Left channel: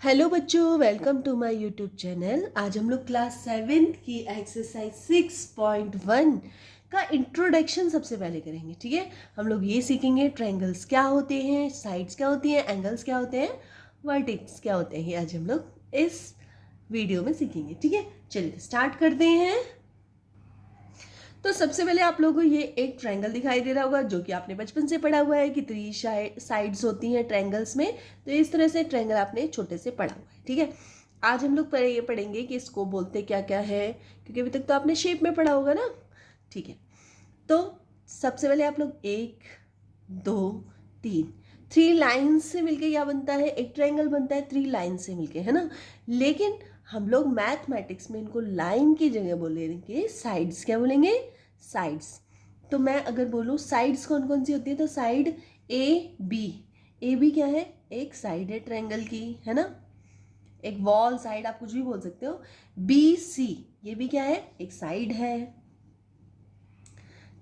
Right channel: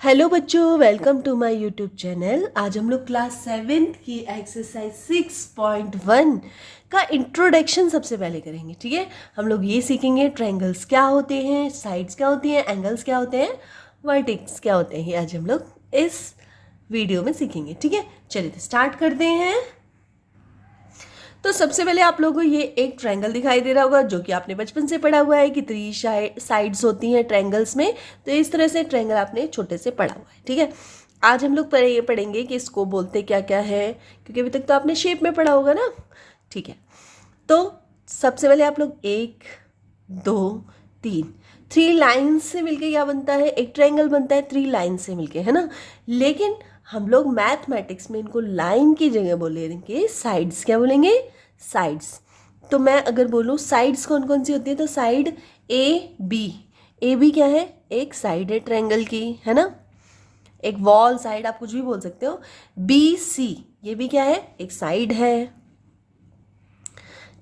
Hello बच्चों, welcome to my YouTube channel. आज हम लोग क्लास 7th की एक्सरसाइज 6.1 का इंट्रोडक्शन सबसे पहले करेंगे। ठीक है, हम लोग ये सीखेंगे ट्रायंगल्स क्या होते हैं, साइड्स क्या होती हैं, एंगल्स क्या होते हैं, वर्टेक्स क्या होते हैं। आज हम लोग इस वीडियो में सीखेंगे। ठीक है, चलिए तो स्टार्ट करते हैं। तो सबसे पहले आप लोगों को ये एक ट्रायंगल दिखाई दे रहा होगा जो कि आपने बचपन से पढ़ा हुआ है कि 3 साइड्स होती हैं ट्रायंगल्स में। तो इस तरह से ट्रायंगल आपने छोटे से पढ़ा हुआ है। ठीक है, आज हम लोग ये पढ़ेंगे कि इसको बोलते क्या क्या है, क्योंकि अभी तक तो आपने शेप में पढ़ा होगा ना। ठीक है, तो सबसे पहले आप लोग 1 2 3 3 लाइन्स से मिलके क्या बनता है, एक ट्रायंगल बनता है 3 लाइन से मिलके, है ना। लेकिन हम लोग मैथमेटिक्स में इनको लाइन की जगह बोलेंगे साइड्स। क्या बोलेंगे? साइड्स। तो मैं अगर बोलूँ साइड्स कौन कौन सी होती है, तो साइड ए बी क्या है, एक साइड है ट्रायंगल की, है ना। एक वॉल साइड, आप कुछ भी बोल सकते हो। बी सी ये भी क्या है, एक साइड है।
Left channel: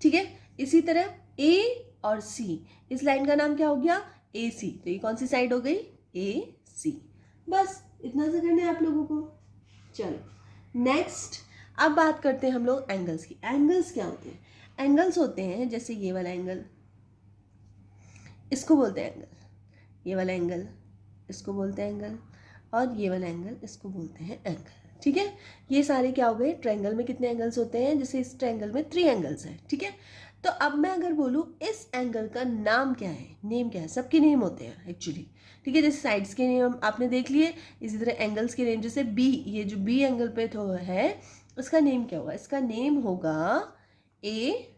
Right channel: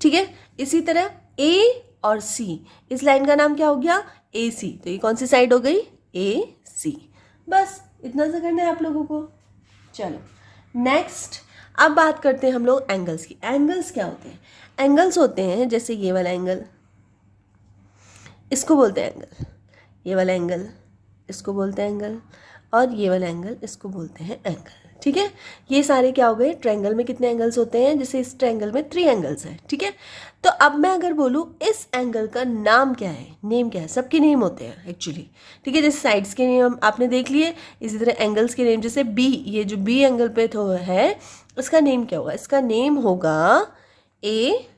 ठीक है, इसी तरह ए और सी, इस लाइन का नाम क्या हो गया, ए सी। तो ये कौन सी साइड हो गई, ए सी। बस इतना सा करना है आप लोगों को। चलो नेक्स्ट, अब बात करते हैं हम लोग एंगल्स की। एंगल्स क्या होते हैं? एंगल्स होते हैं जैसे ये वाला एंगल, इसको बोलते हैं एंगल। ये वाला एंगल, इसको बोलते हैं एंगल। और ये वाला एंगल, इसको बोलते हैं एंगल। ठीक है, ये सारे क्या हो गए, ट्रायंगल में कितने एंगल्स होते हैं, जैसे इस ट्रायंगल में 3 एंगल्स हैं। ठीक है, तो अब मैं अगर बोलूँ इस एंगल का नाम क्या है, नेम क्या है, सबके नेम होते हैं एक्चुअली। ठीक है, जैसे साइड्स के नेम आपने देख लिए, इसी तरह एंगल्स के नेम, जैसे बी, ये जो बी एंगल पे तो है, इसका नेम क्या होगा, इसका नेम होगा ए,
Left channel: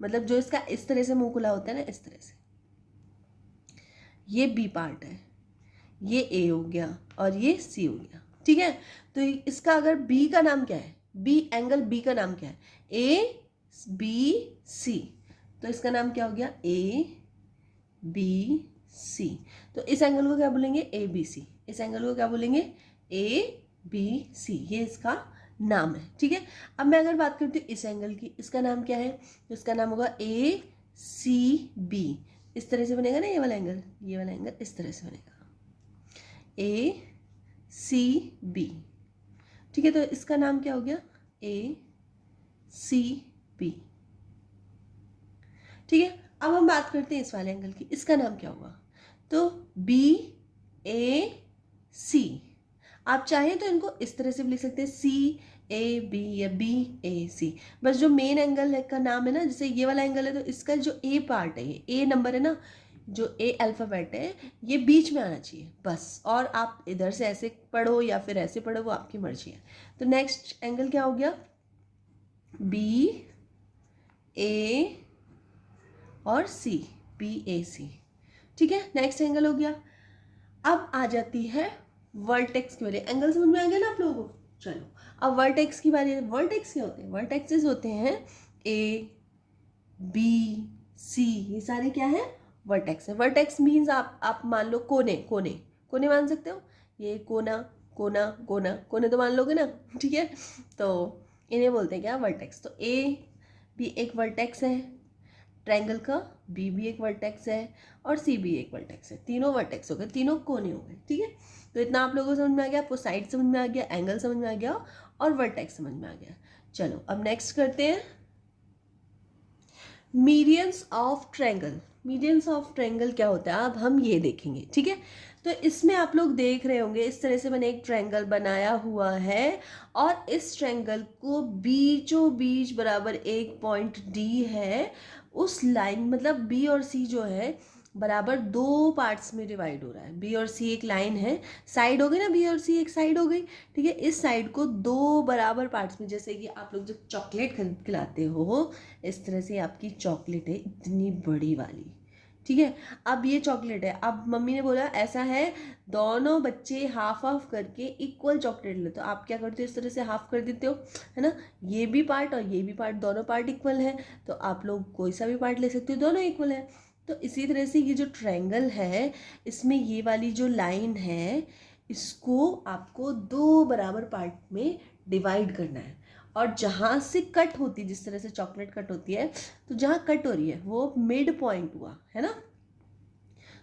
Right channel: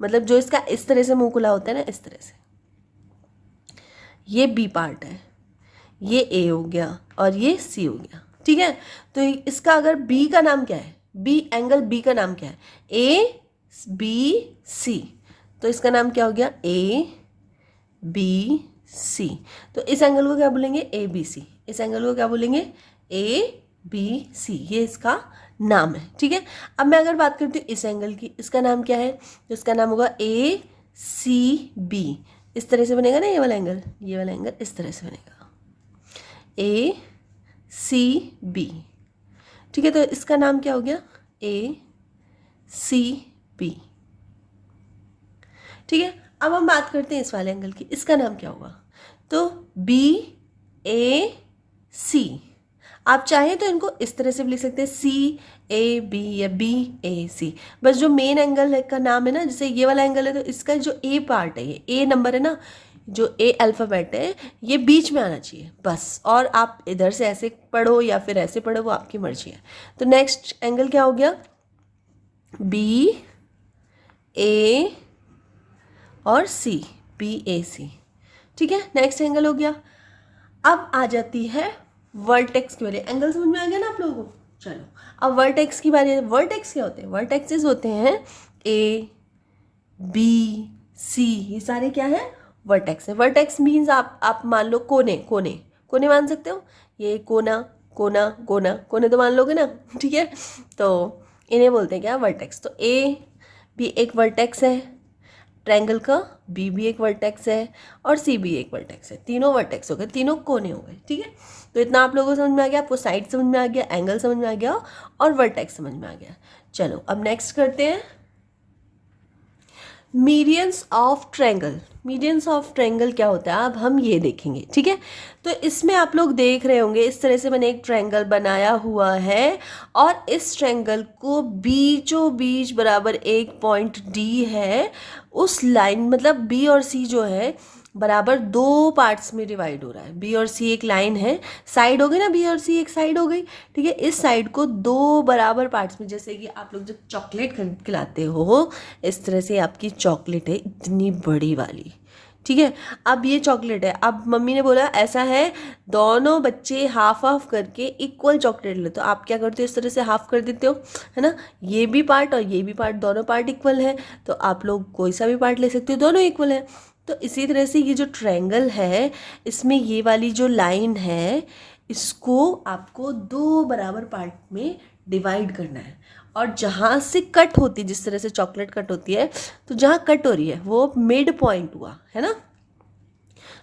मतलब जो इसका इस तरह से मुंह खुला होता है ना, इस तरह से, ये बी पार्ट है, ये ए हो गया और ये सी हो गया। ठीक है, तो इसका अगर बी का नाम क्या है, बी एंगल बी का नाम क्या है, ए बी सी, तो इसका नाम क्या हो गया, ए बी सी। तो इस एंगल को क्या बोलेंगे, ए बी सी। इस एंगल को क्या बोलेंगे, ए बी सी। ये इसका नाम है। ठीक है, अब मैं अगर बात करती हूँ इस एंगल की, इसका नाम क्या है, तो इसका नाम होगा ए सी बी। इस तरह से बनेगा ना ये वाला एंगल, ये वाला एंगल इस तरह से बनेगा, ए सी बी। ठीक है, तो इसका नाम क्या हो गया, ए सी बी। ठीक है, अब हम बात करते हैं इस वाले एंगल की, इसका नाम क्या होगा, तो बी ए सी। आप चाहे तो इनको इस तरह से भी लिख सकते हैं, सी ए बी या बी ए सी। बस जो मेन एंगल है का नाम है ना, जैसे ये वाला एंगल है तो इसका जो ए पार्ट है, ये ए नंबर है ना, जो ए अल्फ़ाबेट है, ये बीच में आना चाहिए बस। और आप इधर से ऐसे पढ़ो या फिर ऐसे पढ़ो, वो आपकी मर्जी है। तो नेक्स्ट एंगल क्या हो गया, बी ए और सी, बी ए सी। ठीक है, नेक्स्ट एंगल हो गया। अब आ जाती है वर्टेक्स की बारी। एंगल समझ में आ गया ना आप लोगों को। चलो अब वर्टेक्स की बारी है। वर्टेक्स क्या होते हैं, वर्टेक्सेस होते हैं ए बी सी, ये सारे क्या है, वर्टेक्स है। वर्टेक्स मीन्स आप मान लो कोने, कोने कोने मान सकते हो, ये कोना कोना कोना कोने तो मान लोगे ना। ठीक है, तो इन्हें बोलते हैं क्या, वर्टेक्स। तो ए भी एक वर्टेक्स है ट्रायंगल का, बी भी एक वर्टेक्स है और सी भी एक वर्टेक्स है। तीनों वर्टेक्स हो गए, तीनों कोने हो गए। ठीक है, तो इतना आप लोगों को समझ में आ गया, आपको साइड समझ में आ गया, एंगल समझ में आ गया और वर्टेक्स समझ में आ गया। चलो अब नेक्स्ट करते हैं medians of triangle. Medians of triangle क्या होता है, अब हम ये देखेंगे। ठीक है, तो इसमें आप लोग देख रहे होंगे इस तरह से मैंने एक ट्रायंगल बनाया हुआ है और इस ट्रायंगल को बीचों बीच बराबर एक पॉइंट डी है। उस लाइन मतलब बी और सी जो है बराबर 2 पार्ट्स में डिवाइड हो रहा है। बी और सी एक लाइन है, साइड हो गई ना, बी और सी एक साइड हो गई। ठीक है, इस साइड को 2 बराबर पार्ट्स में, जैसे कि आप लोग जब चॉकलेट खरीद के लाते हो, इस तरह से आपकी चॉकलेट है इतनी बड़ी वाली। ठीक है, अब ये चॉकलेट है, अब मम्मी ने बोला ऐसा है दोनों बच्चे हाफ हाफ करके इक्वल चॉकलेट ले, तो आप क्या करते हो, इस तरह से हाफ कर देते हो, है ना। ये भी पार्ट और ये भी पार्ट, दोनों पार्ट इक्वल है, तो आप लोग कोई सा भी पार्ट ले सकते हो, दोनों इक्वल है। तो इसी तरह से ये जो ट्रायंगल है, इसमें ये वाली जो लाइन है, इसको आपको 2 बराबर पार्ट में डिवाइड करना है। और जहाँ से कट होती है, जिस तरह से चॉकलेट कट होती है, तो जहाँ कट हो रही है वो मिड पॉइंट हुआ, है ना।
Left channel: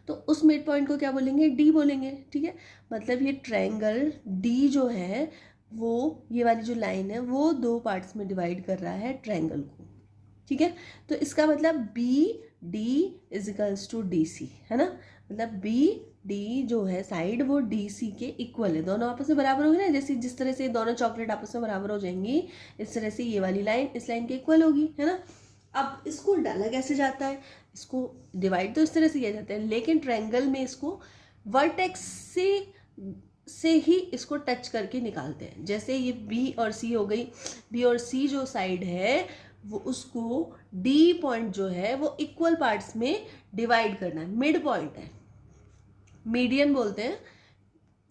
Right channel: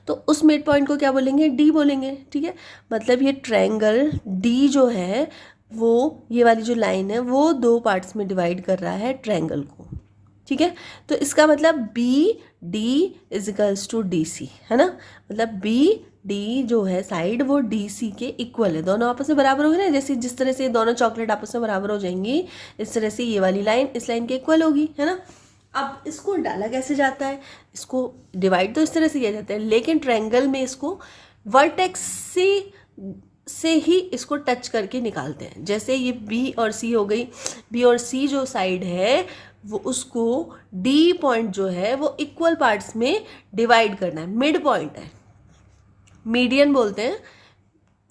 तो उस मिड पॉइंट को क्या बोलेंगे, डी बोलेंगे। ठीक है, मतलब ये ट्रायंगल डी जो है वो, ये वाली जो लाइन है वो दो पार्ट्स में डिवाइड कर रहा है ट्रायंगल को। ठीक है, तो इसका मतलब B D is equals to D C, है ना। मतलब बी डी जो है साइड वो डी सी के इक्वल है, दोनों आपस में बराबर हो गए ना। जैसे जिस तरह से दोनों चॉकलेट आपस में बराबर हो जाएंगी, इस तरह से ये वाली लाइन इस लाइन के इक्वल होगी, है ना। अब इसको डाला कैसे जाता है, इसको डिवाइड तो इस तरह से किया जाता है, लेकिन ट्रायंगल में इसको वर्टेक्स से ही इसको टच करके निकालते हैं। जैसे ये बी और सी हो गई, बी और सी जो साइड है वो उसको डी पॉइंट जो है वो इक्वल पार्ट्स में डिवाइड करना है, मिड पॉइंट है, मीडियन बोलते हैं।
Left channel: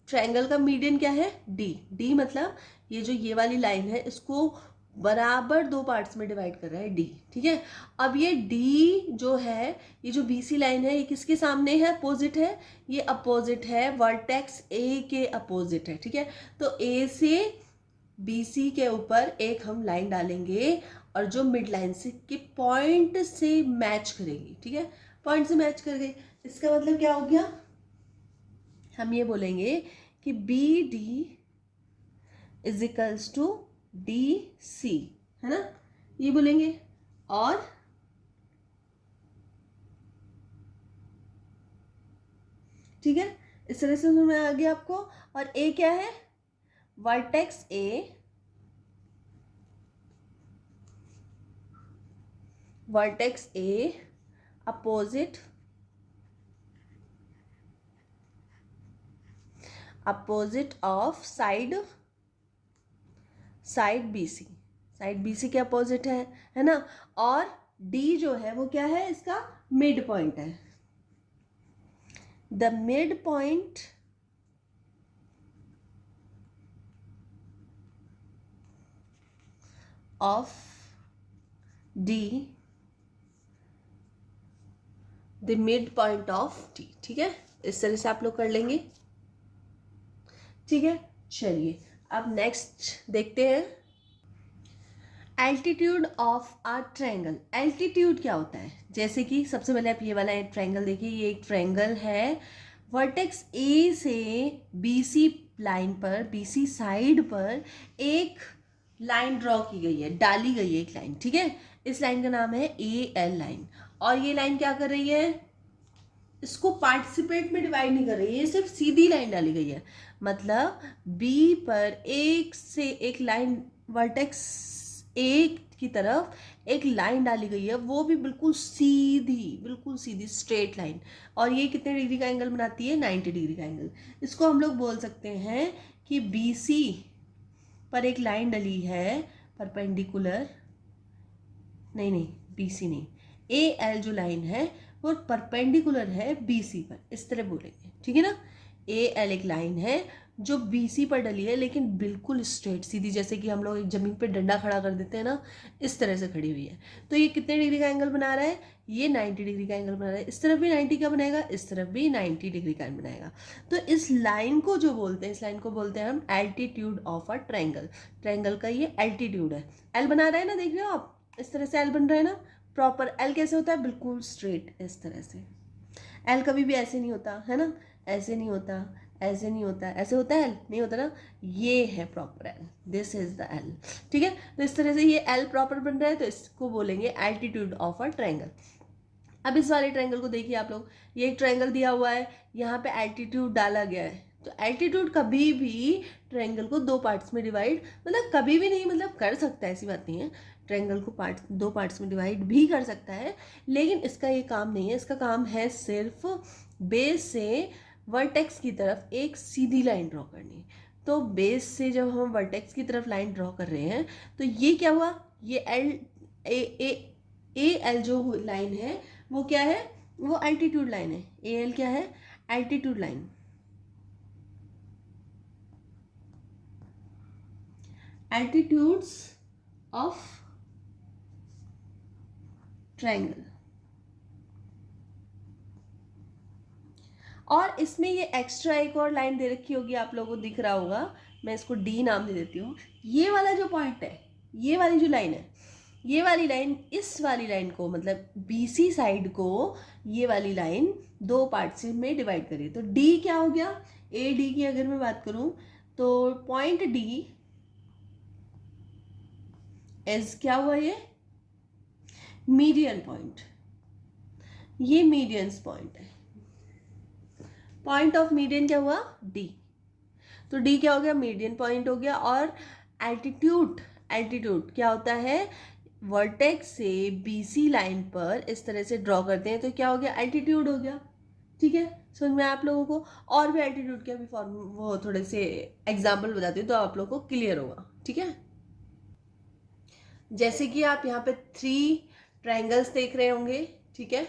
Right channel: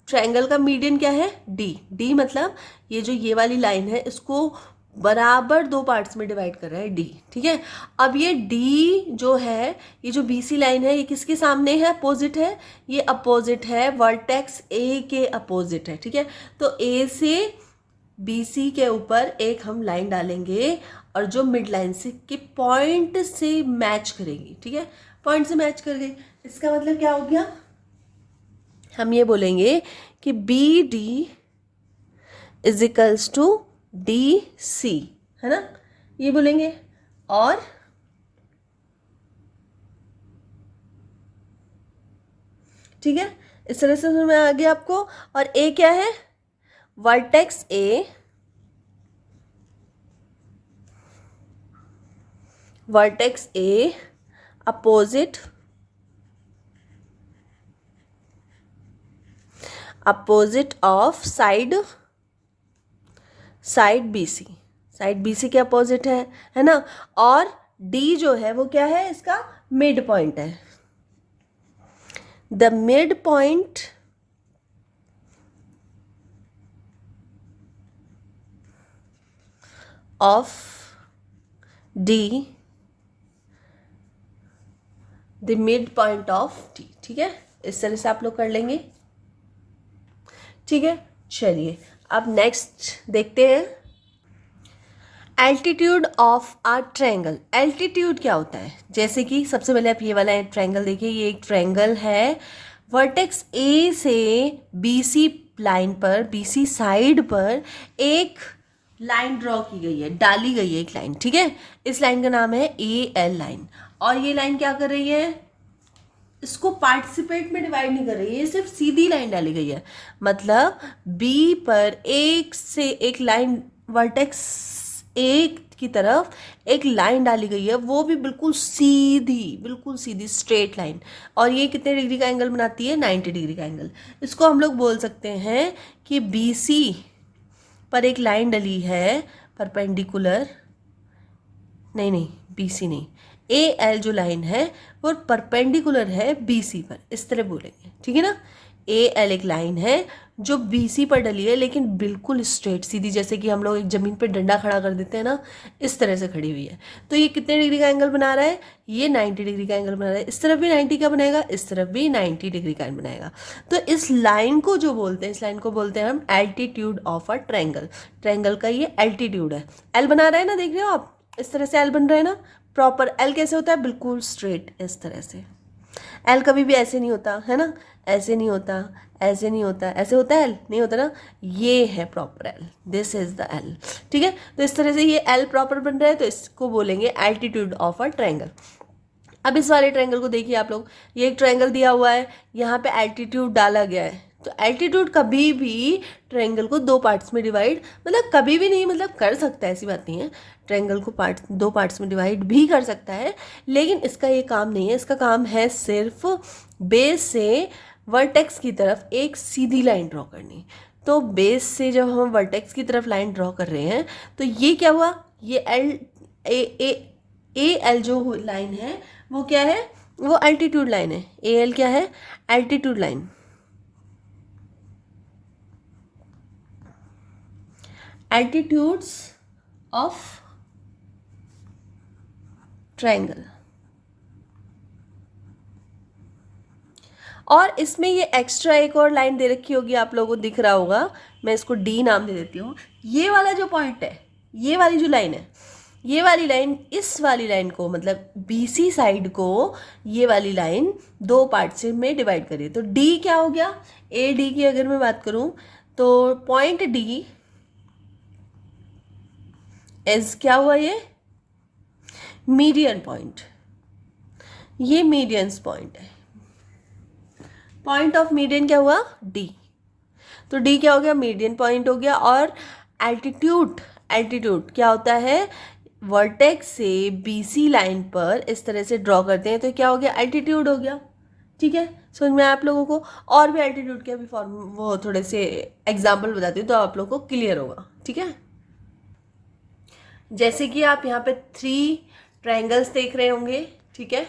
ट्रायंगल का मीडियन क्या है, डी। डी मतलब ये जो ये वाली लाइन है इसको बराबर दो पार्ट्स में डिवाइड कर रहा है, डी। ठीक है, अब ये डी जो है, ये जो बीसी लाइन है ये किसके सामने है, अपोजिट है, ये अपोजिट है वर्टेक्स ए के अपोजिट है। ठीक है, तो ए से बीसी के ऊपर एक हम लाइन डालेंगे और जो मिड लाइन से के पॉइंट से मैच करेगी। ठीक है, पॉइंट से मैच कर गई, इसका मतलब क्या हो गया, हम ये बोलेंगे कि B D is equals to D C, है ना, ये बोलेंगे। और ठीक है, इस तरह से समझ में आ गया आपको। और ए क्या है, vertex A, vertex A opposite of side B C, side B C के अपोजिट है ना। और डी जो है वो क्या है, इसका मिड पॉइंट है, the mid point of D, the mid point of D. ठीक है, इस तरह से आप लोग कर लेंगे। ठीक है, चलिए अब नेक्स्ट देखते हैं, altitude of a triangle. Altitude क्या होता है, जैसे कि सबसे पहले आप ये वाला ट्रायंगल देखिए, ये एक ट्रायंगल है, वर्टेक्स ए से बीसी लाइन पर, बीसी साइड पर एक लाइन ड्रॉ की गई है, डाली गई है एक लाइन। ठीक है, इस लाइन का नाम है ए एल लाइन। और ये लाइन क्या कर रही है, इसको पार्टिसिपेट में डिवाइड नहीं कर रही है, ये सिर्फ सीधी लाइन डाली गई है। मतलब बी पर एक से एक लाइन, वर्टेक्स ए की तरफ एक लाइन डाली गई है, वो भी बिल्कुल सीधी स्ट्रेट लाइन। और ये कितने डिग्री का एंगल बनाती है, 90 डिग्री का एंगल। इसको हम लोग बोल सकते हैं कि बी सी पर एक लाइन डली है परपेंडिकुलर, नहीं बी सी नहीं, ए एल जो लाइन है वो परपेंडिकुलर है बी सी पर, इस तरह बोलेंगे। ठीक है ना, ए एल एक लाइन है जो बी सी पर डली है, लेकिन बिल्कुल स्ट्रेट सीधी, जैसे कि हम लोग एक ज़मीन पर डंडा खड़ा कर देते हैं ना, इस तरह से खड़ी हुई है। तो ये कितने डिग्री का एंगल बना रहा है, ये 90 डिग्री का एंगल बना रहा है। इस तरफ भी 90 का बनाएगा, इस तरफ भी 90 डिग्री का बनाएगा। तो इस लाइन को जो बोलते हैं, इस लाइन को बोलते हैं हम altitude of a triangle. Triangle का ये एल्टीट्यूड है। एल बना रहा है ना, देख रहे हो आप, इस तरह से एल बन रहा है ना प्रॉपर। एल कैसे होता है, बिल्कुल स्ट्रेट इस तरह से। एल कभी भी ऐसे नहीं होता, है ना, ऐसे नहीं होता, ऐसे नहीं होता, ऐसे होता है एल, नहीं होता ना, ये है proper L, this is the L. ठीक है, तो इस तरह से ये एल प्रॉपर बन रहा है, तो इसको बोलेंगे एल्टीट्यूड ऑफ अ ट्रायंगल। अब इस वाले ट्रायंगल को देखिए आप लोग, ये एक ट्रायंगल दिया हुआ है, यहाँ पे एल्टीट्यूड डाला गया है। तो एल्टीट्यूड कभी भी ट्रायंगल को दो पार्ट्स में डिवाइड, मतलब कभी भी नहीं, मतलब कर सकता है, ऐसी बात नहीं है, ट्रायंगल को दो पार्ट्स में डिवाइड भी कर सकता है, लेकिन इसका ये काम नहीं है। इसका काम है सिर्फ बेस से वर्टेक्स की तरफ एक सीधी लाइन ड्रॉ करनी। तो बेस से जब हम वर्टेक्स की तरफ लाइन ड्रॉ कर रहे हैं, तो ये क्या हुआ, ये ए एल जो लाइन है वो क्या है, वो एल्टीट्यूड लाइन है। ए एल क्या है, altitude line. Altitudes of triangle. और इसमें ये एक्स्ट्रा एक और लाइन दे रखी होगी, आप लोगों को दिख रहा होगा, मैं इसको डी नाम दे देती हूँ। ये वाला जो पॉइंट है, ये वाली जो लाइन है, ये वाली लाइन इस वाली लाइन को, मतलब BC साइड को ये वाली लाइन दो पार्ट से में डिवाइड करिए। तो D क्या हो गया, AD की अगर मैं बात करूं तो पॉइंट D एज क्या हुआ, ये मीडियन पॉइंट, ये मीडियंस पॉइंट है। पॉइंट ऑफ मीडियन क्या हुआ, D। तो D क्या हो गया, मीडियन पॉइंट हो गया। और एल्टीट्यूड, एल्टीट्यूड क्या होता है, वर्टेक्स से BC लाइन पर इस तरह से ड्रॉ करते हैं तो क्या हो गया, एल्टीट्यूड हो गया। ठीक है, समझ में आया आप लोगों को। और भी एल्टीट्यूड के अभी फॉर्म वो थोड़े से एग्जाम्पल बताती हूँ तो आप लोगों को क्लियर होगा। ठीक है, जैसे कि आप यहाँ पे 3 ट्रायंगल्स देख रहे होंगे। ठीक है,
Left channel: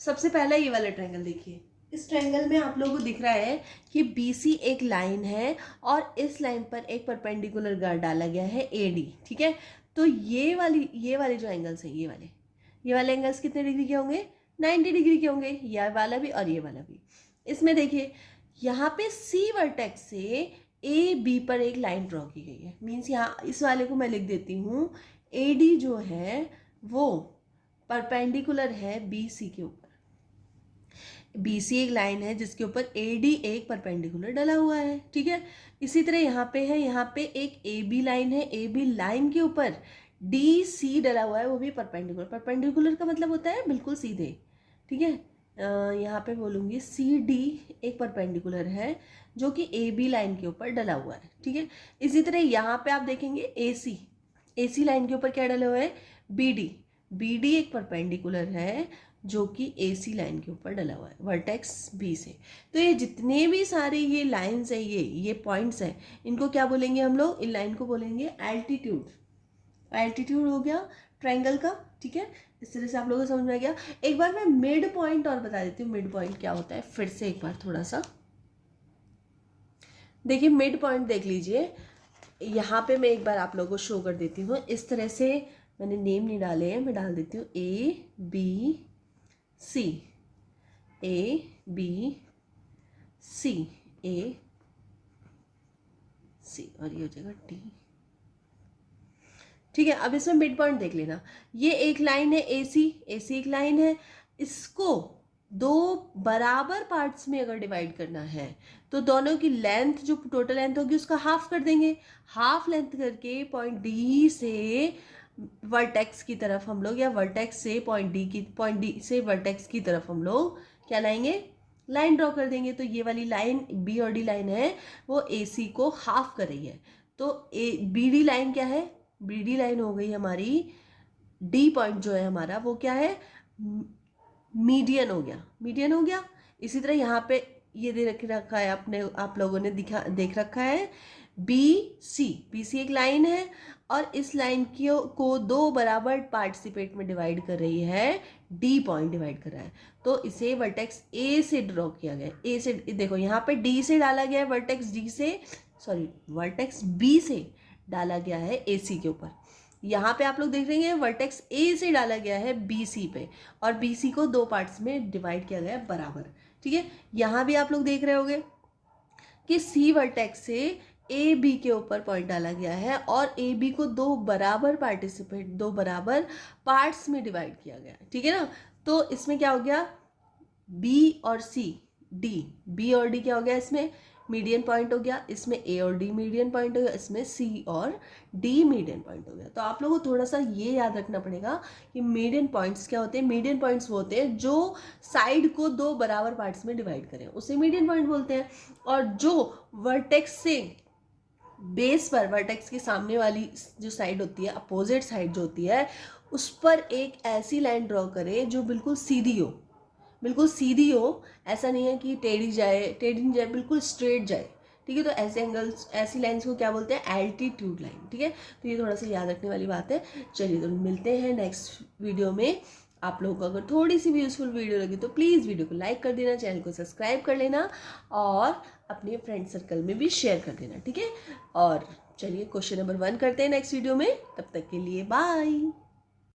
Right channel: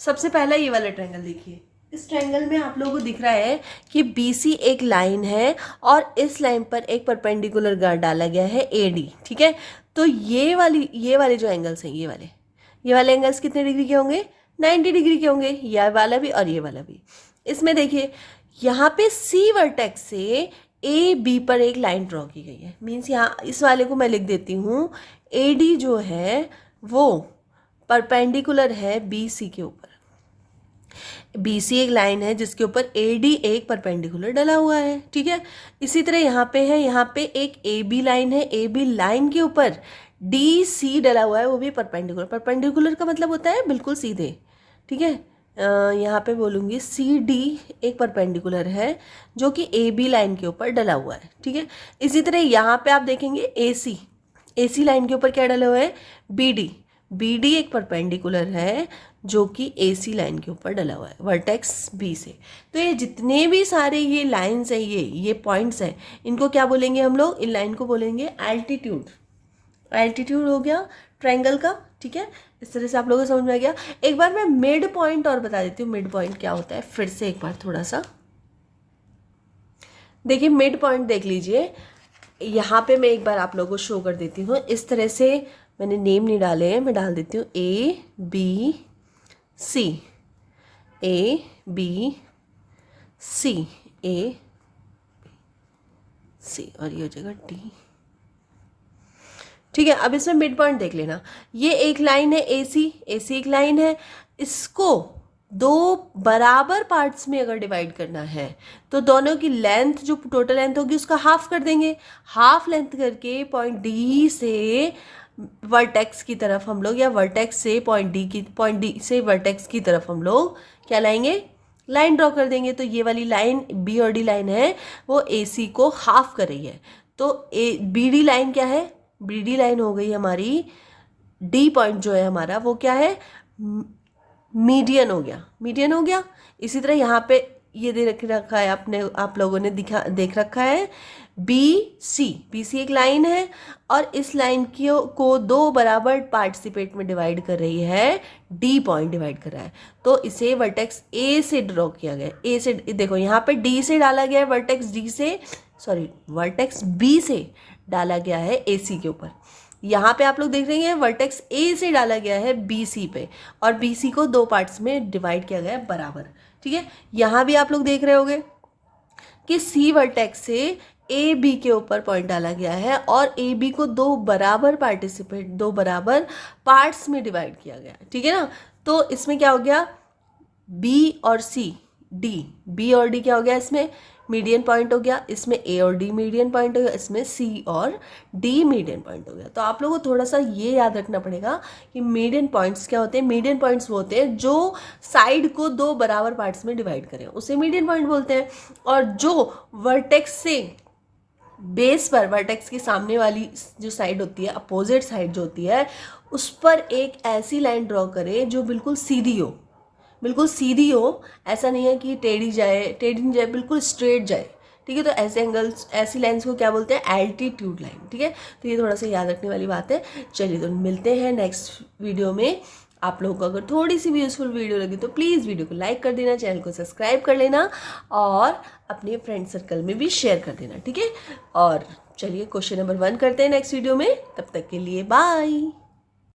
सबसे पहला ये वाला ट्रायंगल देखिए। इस ट्रायंगल में आप लोगों को दिख रहा है कि BC एक लाइन है और इस लाइन पर एक परपेंडिकुलर गार्ड डाला गया है AD। ठीक है, तो ये वाले जो एंगल्स हैं, ये वाले एंगल्स कितने डिग्री के होंगे, 90 डिग्री के होंगे, ये वाला भी और ये वाला भी। इसमें देखिए यहाँ पे C वर्टेक्स से AB पर एक लाइन ड्रॉ की गई है। मीन्स यहाँ इस वाले को मैं लिख देती हूँ, AD जो है वो परपेंडिकुलर है BC के ऊपर। BC एक लाइन है जिसके ऊपर AD एक परपेंडिकुलर डला हुआ है। ठीक है, इसी तरह यहाँ पे है, यहाँ पे एक AB लाइन है, AB लाइन के ऊपर DC डला हुआ है, वो भी परपेंडिकुलर। परपेंडिकुलर का मतलब होता है बिल्कुल सीधे। ठीक है, यहाँ पे बोलूँगी CD एक परपेंडिकुलर है जो कि AB लाइन के ऊपर डला हुआ है। ठीक है, इसी तरह यहाँ पे आप देखेंगे AC लाइन के ऊपर क्या डला हुआ है, BD एक परपेंडिकुलर है जो कि AC लाइन के ऊपर डला हुआ है वर्टेक्स B से। तो ये जितने भी सारे ये लाइंस हैं, ये पॉइंट्स हैं, इनको क्या बोलेंगे हम लोग, इन लाइन को बोलेंगे एल्टीट्यूड। एल्टीट्यूड हो गया ट्रायंगल का। ठीक है, इस तरह से आप लोगों को समझ में आ गया। एक बार मैं मिड पॉइंट और बता देती हूँ, मिड पॉइंट क्या होता है फिर से एक बार थोड़ा सा देखिए। मिड पॉइंट देख लीजिए, यहाँ पे मैं एक बार आप लोगों को शो कर देती हूँ। इस तरह से मैंने नेम नहीं डाले हैं, मैं डाल देती हूँ ABC, और ये हो जाएगा D। ठीक है, अब इसमें मिड पॉइंट देख लेना। ये एक लाइन है AC एक लाइन है, इसको दो बराबर पार्ट्स में अगर डिवाइड करना है तो दोनों की लेंथ, जो टोटल लेंथ होगी उसका हाफ कर देंगे। हाफ लेंथ करके पॉइंट D से वर्टेक्स की तरफ हम लोग, या वर्टेक्स से पॉइंट D से वर्टेक्स की तरफ हम लोग क्या लाएंगे, लाइन ड्रॉ कर देंगे। तो ये वाली लाइन B और D लाइन है वो AC को हाफ कर रही है। तो BD लाइन क्या है, BD लाइन हो गई हमारी, D पॉइंट जो है हमारा वो क्या है, मीडियन हो गया। इसी तरह यहाँ पे ये दे रखा है आपने, आप लोगों ने देख रखा है BC एक लाइन है और इस लाइन को दो बराबर पार्टिसिपेट में डिवाइड कर रही है, D पॉइंट डिवाइड कर रहा है। तो इसे वर्टेक्स A से ड्रॉ किया गया, A से, देखो यहाँ पे D से डाला गया है, वर्टेक्स B से डाला गया है AC के ऊपर। यहाँ पे आप लोग देख रहे हैं वर्टेक्स A से डाला गया है BC पे, और BC को दो पार्ट्स में डिवाइड किया गया है बराबर। ठीक है, यहाँ भी आप लोग देख रहे होंगे कि C वर्टेक्स से AB के ऊपर पॉइंट डाला गया है और AB को दो बराबर पार्ट्स में डिवाइड किया गया है। ठीक है ना, तो इसमें क्या हो गया, B और D क्या हो गया, इसमें मीडियन पॉइंट हो गया, इसमें A और D मीडियन पॉइंट हो गया, इसमें C और D मीडियन पॉइंट हो गया। तो आप लोगों को थोड़ा सा ये याद रखना पड़ेगा कि मीडियन पॉइंट्स क्या होते हैं। मीडियन पॉइंट्स वो होते हैं जो साइड को दो बराबर पार्ट्स में डिवाइड करें, उसे मीडियन पॉइंट बोलते हैं। और जो वर्टेक्स से बेस पर, वर्टेक्स के सामने वाली जो साइड होती है, अपोजिट साइड जो होती है, उस पर एक ऐसी लाइन ड्रॉ करें जो बिल्कुल सीधी हो, ऐसा नहीं है कि टेढ़ी नहीं जाए, बिल्कुल स्ट्रेट जाए। ठीक है, तो ऐसे एंगल्स, ऐसी लाइंस को क्या बोलते हैं, एल्टीट्यूड लाइन। ठीक है, तो ये थोड़ा सा याद रखने वाली बात है। चलिए, तो मिलते हैं नेक्स्ट वीडियो में। आप लोगों को अगर थोड़ी सी भी यूजफुल वीडियो लगी तो प्लीज़ वीडियो को लाइक कर देना, चैनल को सब्सक्राइब कर लेना और अपने फ्रेंड सर्कल में भी शेयर कर देना। ठीक है, और चलिए क्वेश्चन नंबर 1 करते हैं नेक्स्ट वीडियो में। तब तक के लिए बाय।